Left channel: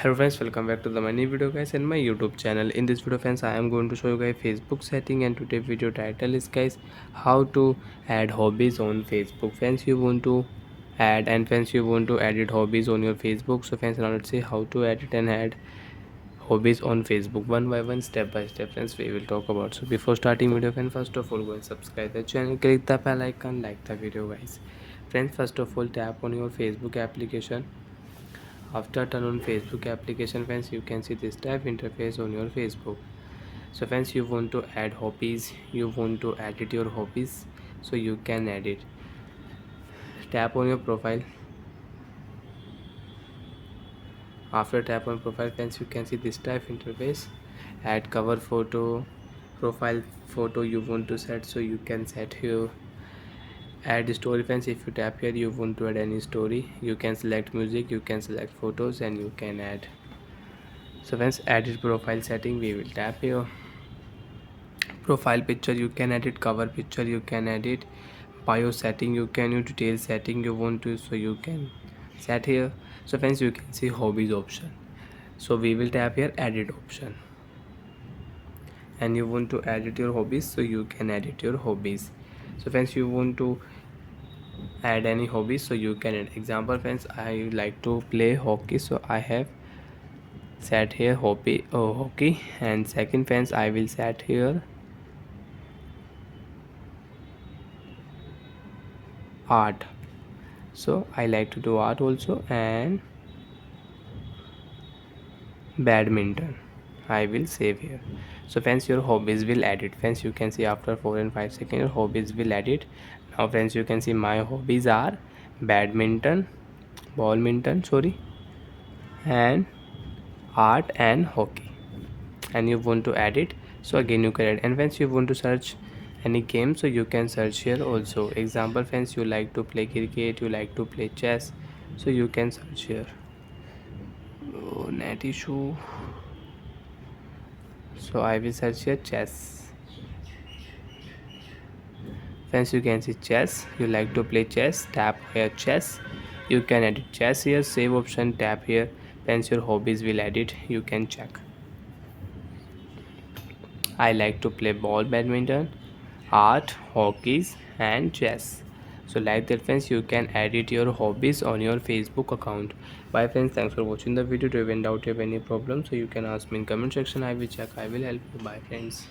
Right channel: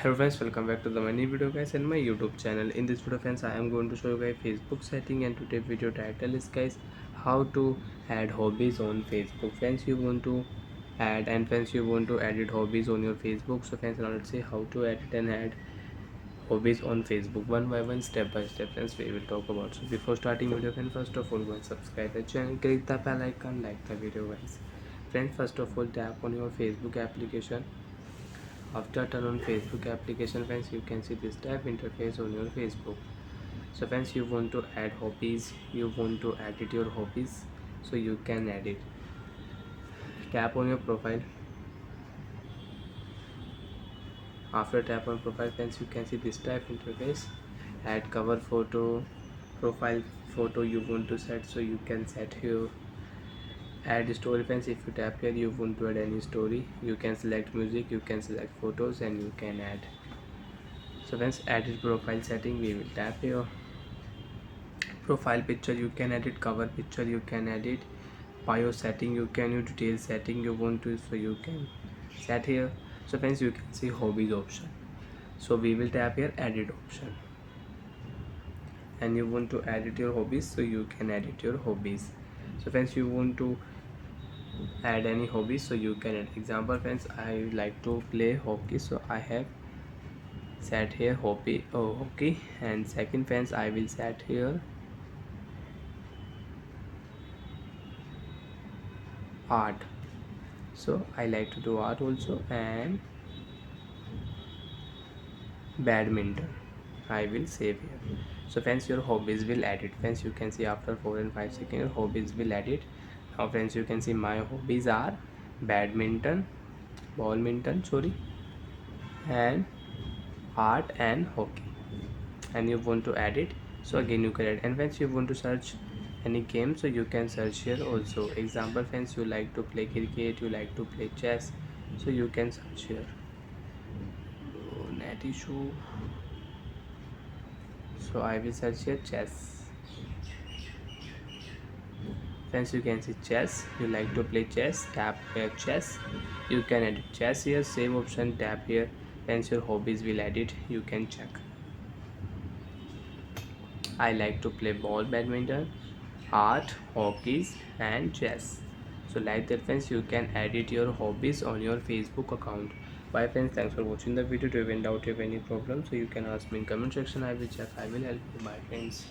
Hello friends, welcome back to the my new video guys in my YouTube channel. In this video friends, I am going to show you guys Facebook setting, and today video title is guys how to add hobbies on Facebook. Friends, you want to add, and friends, you want to edit hobbies on your Facebook. So friends, now let's see how to edit and add hobbies on Facebook one by one, step by step. Friends, we will talk about. So before starting video friends, first of all go and subscribe the channel, click the bell icon, like the video guys. Friends, first of all tap on your Facebook application. After turn on Facebook application friends, you can see this type interface on your Facebook. So friends, you want to add hobbies, you want to edit your hobbies, so you can edit. Tap on your profile. After tap on profile friends, you can see this type interface. Add cover photo, profile photo you want to set, so you can set here. Add story friends, if you tap here you want to add any story, you can select music, you can select photos, and you can add. So friends, edit profile setting, we will tap here. Profile picture you can edit, cover picture you can edit, bio setting you can, your detail setting you want to, so you can set here. So friends, you can see hobbies option, so we will tap here edit option, and you want to edit your hobbies, so you can edit your hobbies. So friends, you want to add any hobbies, so you can add. Example friends, I like to play hockey, so I have set here hobby hockey. And second friends, I will set here art, so I like to do art also. And badminton I will save here. So friends, your hobbies will edit. Friends, you can see after 4 and 5 seconds your hobbies will edit. Now friends, you can see my hobbies are badminton, ballminton, sorry, and art and hockey. And you want to edit, so again you can add. And friends, you want to search any game, so you can search here also. Example friends, you like to play cricket, you like to play chess, so you can search here. Oh, net issue, so I will search here chess. Friends, you can see chess, you like to play chess, tap here chess, you can edit chess here. Save option, tap here. Friends, your hobbies will edit, you can check. I like to play ball, badminton, art, hockeys, and chess. So like that friends, you can edit your hobbies on your Facebook account. Bye friends, thanks for watching the video. If you have any doubt, have any problem, so you can ask me in comment section. I will check, I will help you. Bye friends.